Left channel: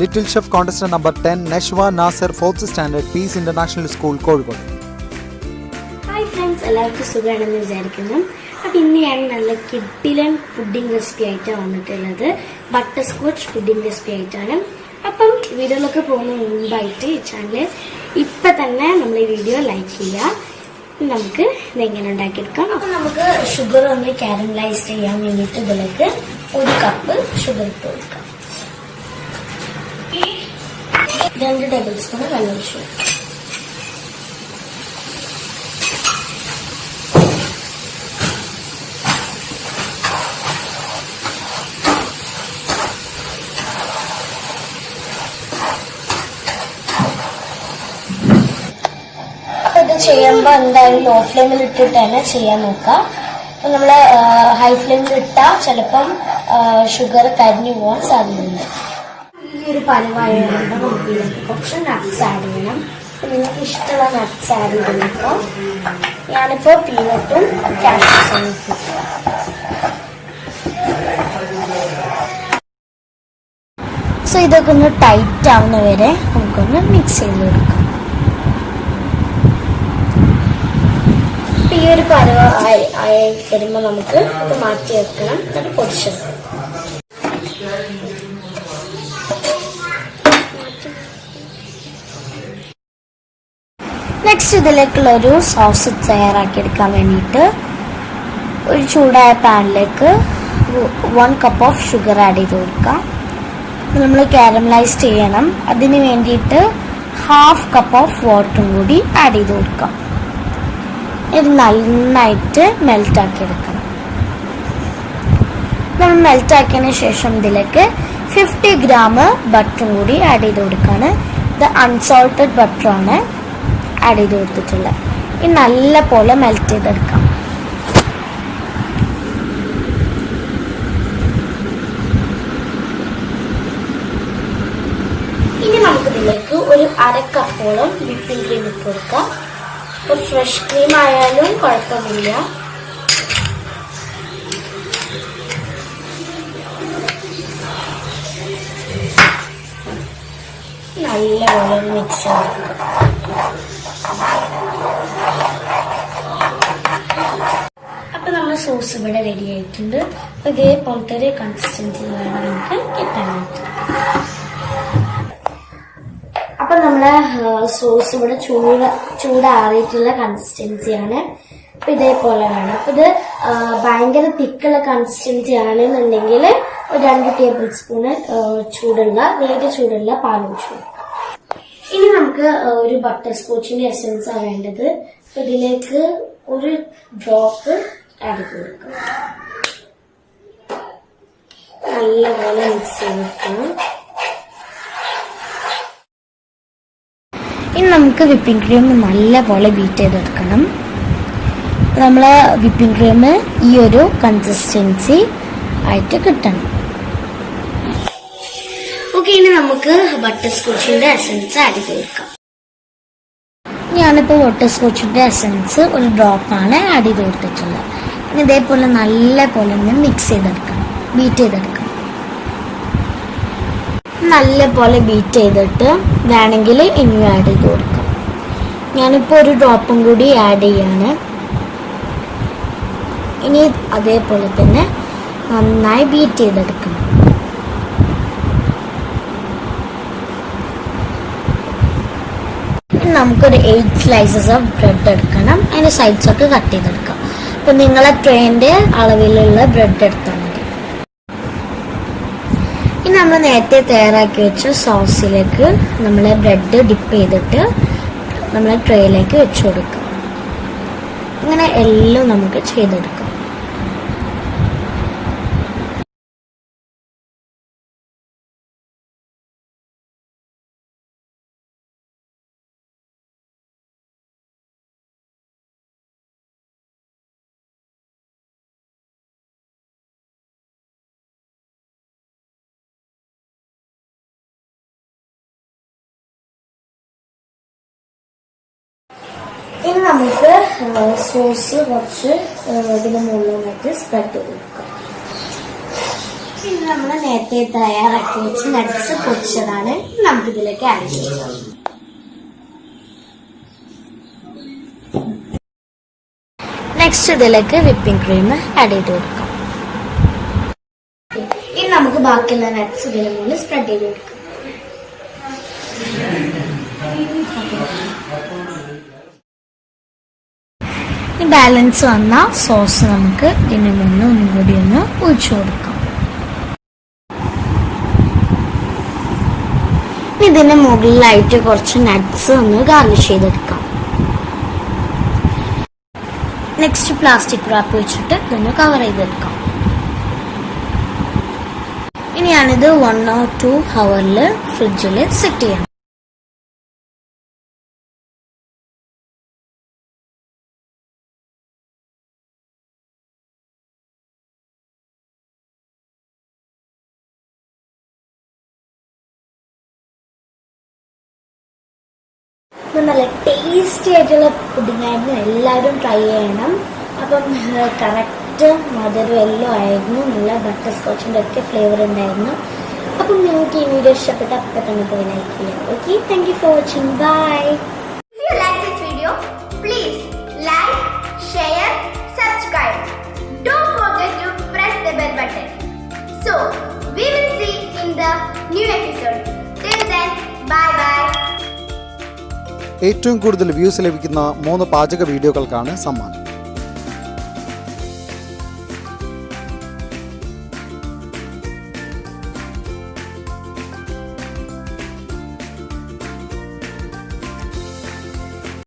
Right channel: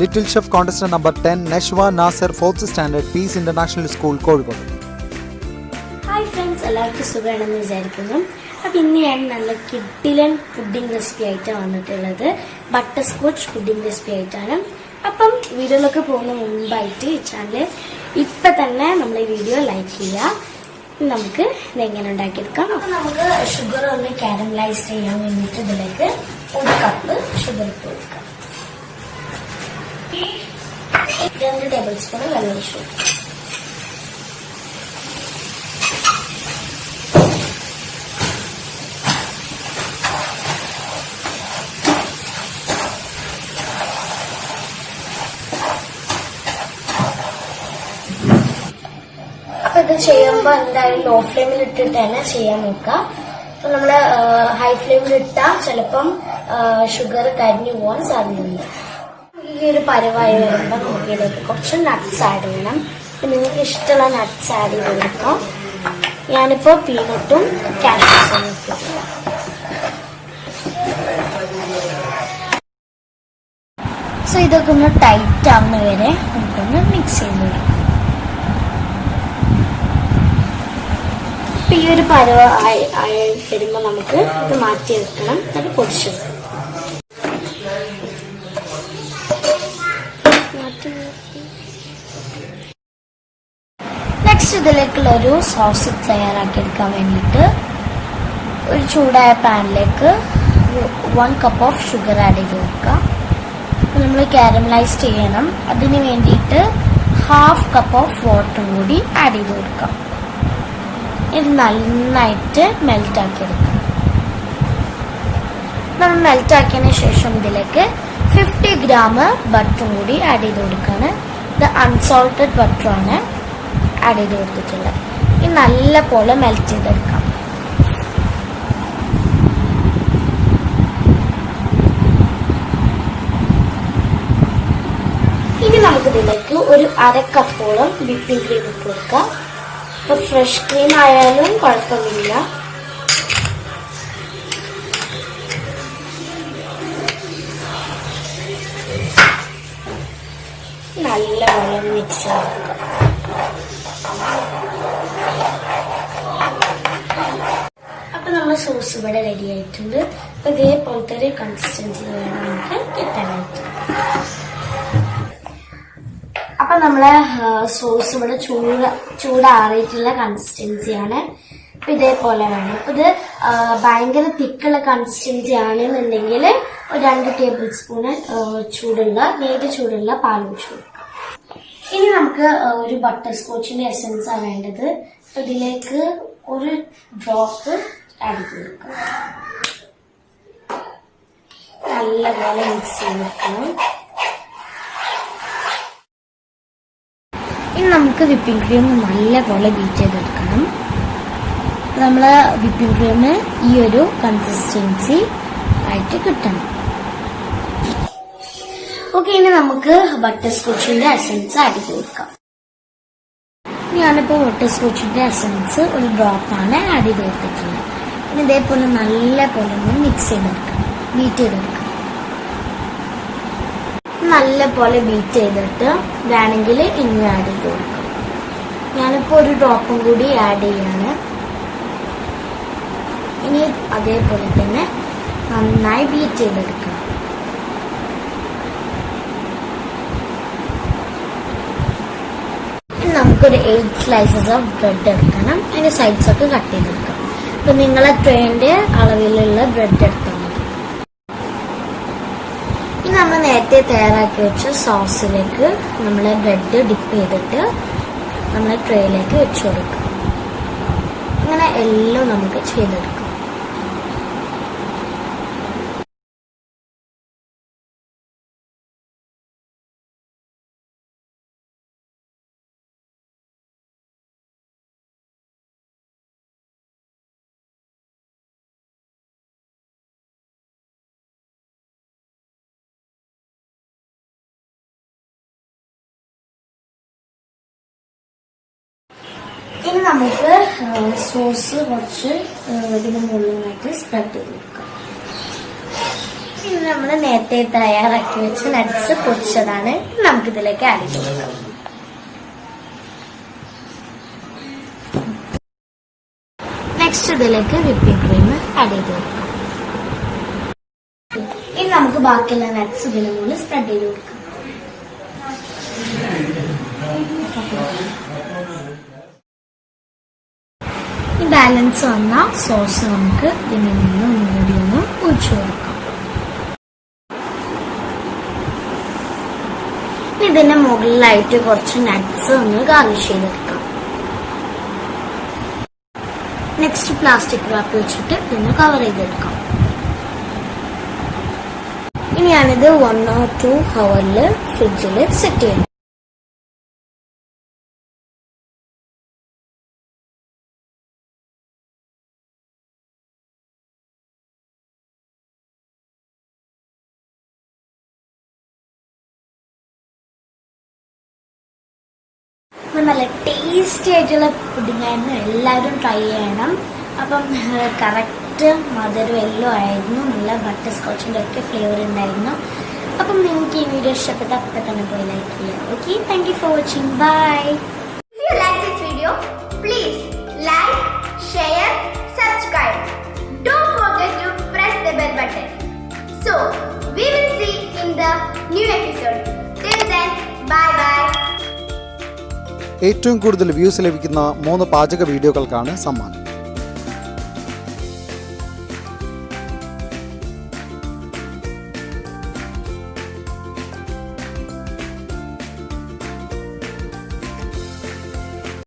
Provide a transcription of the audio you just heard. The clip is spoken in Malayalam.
Little Chef Contestant number 10, Neshwa Nasser, 4th Standard, Peace International School, Kozhikode. Hi friends, എല്ലാവർക്കും സുഖമാണെന്ന് വിചാരിക്കുന്നു. അപ്പോൾ ഇന്ന് ഞാൻ നല്ല കിഡിലൻ പുഡിംഗ് റെസിപ്പി ആയിട്ടാണ് വന്നിട്ടുള്ളത്. ബട്ടർ സ്കോച്ച് പുഡിംഗ് റെസിപ്പി ആയിട്ടാണ്. അപ്പം വീഡിയോയിലൊക്കെ പോകുന്ന മുൻപായിട്ട് ഈ ചാനൽ ഇപ്പം തന്നെ നമ്മൾ ഈ വീഡിയോ ലൈക്ക് ചെയ്യുക. നമുക്ക് ഇതെങ്ങനെ ഉണ്ടാക്കിയെടുക്കാം. അപ്പം നമുക്ക് ഷുഗർ ഒന്ന് കാരമലൈസ് ചെയ്യാൻ വേണ്ടിയിട്ട് ഇതിലേക്ക് 1 കപ്പ് ഷുഗർ ഇട്ട് കൊടുക്കാം. 2 ടേബിൾ സ്പൂൺ വെള്ളം ഒഴിച്ചു. അപ്പൊ ഇത് ചെയ്യുമ്പോൾ എന്തായാലും ലോ ഫ്ലെയിമിൽ ഇട്ടിട്ട് തന്നെ ചെയ്യാൻ നോക്കാം. അപ്പൊ നമ്മള് ഹൈ ഫ്ലെയിമിൽ ഇട്ടാൽ ചിലപ്പം ഷുഗർ കരിഞ്ഞു പോകാൻ സാധ്യതയുണ്ട്. ഈ ഒരു പരുവായതുകൊണ്ട് നമുക്ക് ഇതിലേക്ക് കുറച്ച് നട്ട്സ് ആഡ് ചെയ്യണം. നിങ്ങൾക്ക് ഇഷ്ടമുള്ള നട്ട്സ് ആഡ് ചെയ്ത് കൊടുക്കാം. ഞാനിപ്പോ പീനട്ടും കാഷ്യൂസും ഇട്ടിട്ടില്ല. സോ ഇതൊക്കെ ഒന്ന് ടൈറ്റ് ആവുന്ന വരെ നമുക്കൊന്ന് മിക്സ് ചെയ്ത് കൊടുക്കാം. ഈ ഒരു പരുവ ആയി വരുമ്പോൾ നമുക്ക് ഇത് മാറ്റി വെക്കണം. ഒരു പൊടിച്ചു നെക്സ്റ്റ് ഇതിലേക്കുള്ള ഒരു സോസ് തയ്യാറാക്കിയെടുക്കാൻ വേണ്ടിയിട്ട് ഒരു ചൂടായ പാനിലേക്ക് 1 കപ്പ് ഓഫ് ഷുഗർ ആഡ് ചെയ്ത് കൊടുക്കാം. നമ്മൾ കാരമലൈസ് ചെയ്യണം. അതിന് വേണ്ടിയിട്ട് 1/2 കപ്പ് ഓഫ് വാട്ടറും കൂടി ആഡ് ചെയ്ത് കൊടുക്കാം. ഇത് നന്നായിട്ട് മെൽറ്റ് ആക്കിയെടുക്കാം. നമ്മൾ മെൽറ്റ് ആക്കിയതിന് ശേഷം ഇതിലേക്ക് 50 ഗ്രാം ബട്ടറും കൂടി ആഡ് ചെയ്ത് കൊടുക്കാണ്. ഇത് അൺസോൾട്ടഡ് ബട്ടറാണ് ആഡ് ചെയ്ത് കൊടുത്തിട്ടുള്ളത്. ഇത് നല്ല പോലെ മെൽറ്റ് ചെയ്തെടുക്കാം. ഇനി നമുക്കിതിലേക്ക് ഒരു 1/2 കപ്പോളം വിപ്പിംഗ് ക്രീം ഇട്ട് കൊടുക്കാം. ഇപ്പൊ ഫ്രഷ് ക്രീം ആയാലും കുഴപ്പമില്ല. നല്ലപോലെ മിക്സ് ആക്കാം. അപ്പൊ നമ്മുടെ സോസ് ഇവിടെ റെഡി ആയിട്ടുണ്ട്. അപ്പൊ ഇതേപോലത്തെ ഒരു കൺസിസ്റ്റൻസി വേണം നമുക്ക് കിട്ടാനായിട്ട്. അപ്പൊ നമ്മളെ സോസ് ഇവിടെ ചൂടാറിയിട്ടുള്ള കൺസിസ്റ്റൻസിയാണ്. അപ്പൊ ഇതേപോലെ വേണം. അപ്പൊ ഇത് ഭയങ്കര തിക്കുള്ള കൺസിസ്റ്റൻസി ആണെന്നുണ്ടെങ്കിൽ 2 ടേബിൾ സ്പൂണ് നേരിയ ചൂടുള്ള പാൽ ഒഴിച്ചു കൊടുക്കാം. ഇനി നമുക്ക് ഒരു ബട്ടർ സ്കോച്ചിന്റെ എസൻസ് ആണ് വേണ്ടത്. അപ്പൊ ഇതിലേക്ക് ഒരു ഡ്രോപ്പ് ആഡ് ചെയ്ത് കൊടുക്കാം. നല്ലപോലെ മിക്സ് ചെയ്തെടുക്കണം. ഇനി നമുക്ക് വിപ്പിംഗ് ക്രീം നല്ലപോലെ ബീറ്റ് ചെയ്തെടുക്കണം. നമ്മളെ വിപ്പിംഗ് ക്രീം ഈ ഒരു കൺസിസ്റ്റൻസി ആയിട്ട് കിട്ടണം. ഓക്കെ, ഇനി നമുക്ക് ബട്ടർ സ്കോച്ചിന്റെ എസൻസ് ആഡ് ചെയ്ത് കൊടുക്കാം. ഞാനിപ്പോൾ ബട്ടർ സ്കോച്ചിന്റെ എസൻസ് ഒരു ഡ്രോപ്പാണ് ആഡ് ചെയ്ത് കൊടുത്തിട്ടുള്ളത്. ഇനി ഇതേപോലെ നല്ല പോലെ ഒന്ന് മിക്സ് ചെയ്തെടുക്കണം, ബീറ്റ് ചെയ്തെടുക്കണം. നല്ല പോലെ ബീറ്റ് ചെയ്തിട്ട് വേണമെങ്കിൽ ഇനിയും ആഡ് ചെയ്ത് കൊടുക്കാം. ഞാനിപ്പോൾ ഒരു ഡ്രോപ്പും കൂടി ആഡ് ചെയ്യാണ്. ഇനി അതേപോലെ തന്നെ നന്നായി ബീറ്റ് ചെയ്തെടുക്കണം. നമുക്കൊരു 8 സ്ലൈസസ് ഓഫ് ബ്രെഡ് എടുക്കണം. അതിന്റെ സൈഡ്സ് ഒക്കെ കട്ട് ചെയ്തെടുക്കാം. അപ്പൊ നിങ്ങളെ ട്രെയിൻ്റെ അളവിലുള്ള ബ്രെഡ് എടുത്താൽ മതി. ഇനി നമ്മൾ നേരത്തെ തയ്യാറാക്കി വെച്ച സോസിലേക്ക് നമ്മളെ ബ്രെഡ് ഡിപ്പ് ചെയ്തിട്ട് നമ്മളെ ട്രേയിലേക്ക് വെച്ചു കൊടുക്കാം. അങ്ങനെ എല്ലാം നമുക്ക് ചെയ്തെടുക്കാം. ഇനി നമുക്ക് സോസ് കുറച്ച് ഇതിന് മുകളിലായിട്ട് സ്പ്രെഡ് ചെയ്ത് കൊടുക്കാം. ഇത് നമ്മൾ നേരത്തെ തയ്യാറാക്കി വെച്ച നട്ട്സ് പൊടിച്ചതാണ്. നമുക്കിതിലേക്ക് ആഡ് ചെയ്യാം. നെക്സ്റ്റ് ഇതിലേക്ക് വിപ്പിംഗ് ക്രീം ആഡ് ചെയ്ത് കൊടുക്കാം. ഇനി നമുക്ക് ബാക്കിയുള്ള നട്ട്സ് ഇതിന് മുകളിൽ സ്പ്രെഡ് ചെയ്ത് കൊടുക്കാം. ഈ ബാലൻസ് വന്ന സോസ് നമുക്ക് ഇതിൽ നിന്ന് ഒന്നുകൂടി ഒന്ന് ഒഴിച്ചു കൊടുക്കാം. ഇതിന് മുകളിലായിട്ട് കുറച്ച് നട്ട്സ് ഒന്ന് ഗാർണിഷ് ചെയ്തെടുക്കാം. നെക്സ്റ്റ് പ്ലാസ്റ്റിക് റാപ്പ് വെച്ചിട്ട് ഇതൊന്ന് കവർ ചെയ്തെടുക്കാം. ഇനി ഞാനിത് 1 or 2 hours ഫ്രിഡ്ജിൽ സെറ്റ് ചെയ്യാം. നല്ല ടേസ്റ്റി ആയിട്ടുള്ള പുഡിംഗ് ആയിരുന്നു. എല്ലാവരും ട്രൈ ചെയ്യണം. അപ്പം കറക്റ്റ് മധുരം എല്ലാം ആയിരുന്നു. നല്ല ബട്ടർ സ്കോച്ചിൻ്റെ ഒക്കെ ഫ്ലേവർ ഉണ്ടായിരുന്നു. അപ്പം നിങ്ങൾക്ക് ഈ വീഡിയോ ഇഷ്ടപ്പെട്ട അപ്പം തന്നെ പോയി ലൈക്ക് ചെയ്യാം. Okay, thank you for watching. Bye. If you like this video, please like, share, subscribe. Don't forget to press the bell button. So, we will see in the new episode. Till then, bye bye. ഏറ്റവും കൂടുതൽ വ്യൂസ് ലഭിക്കുന്ന 3 പാചക വീഡിയോകൾക്കാണ് സമ്മാനം.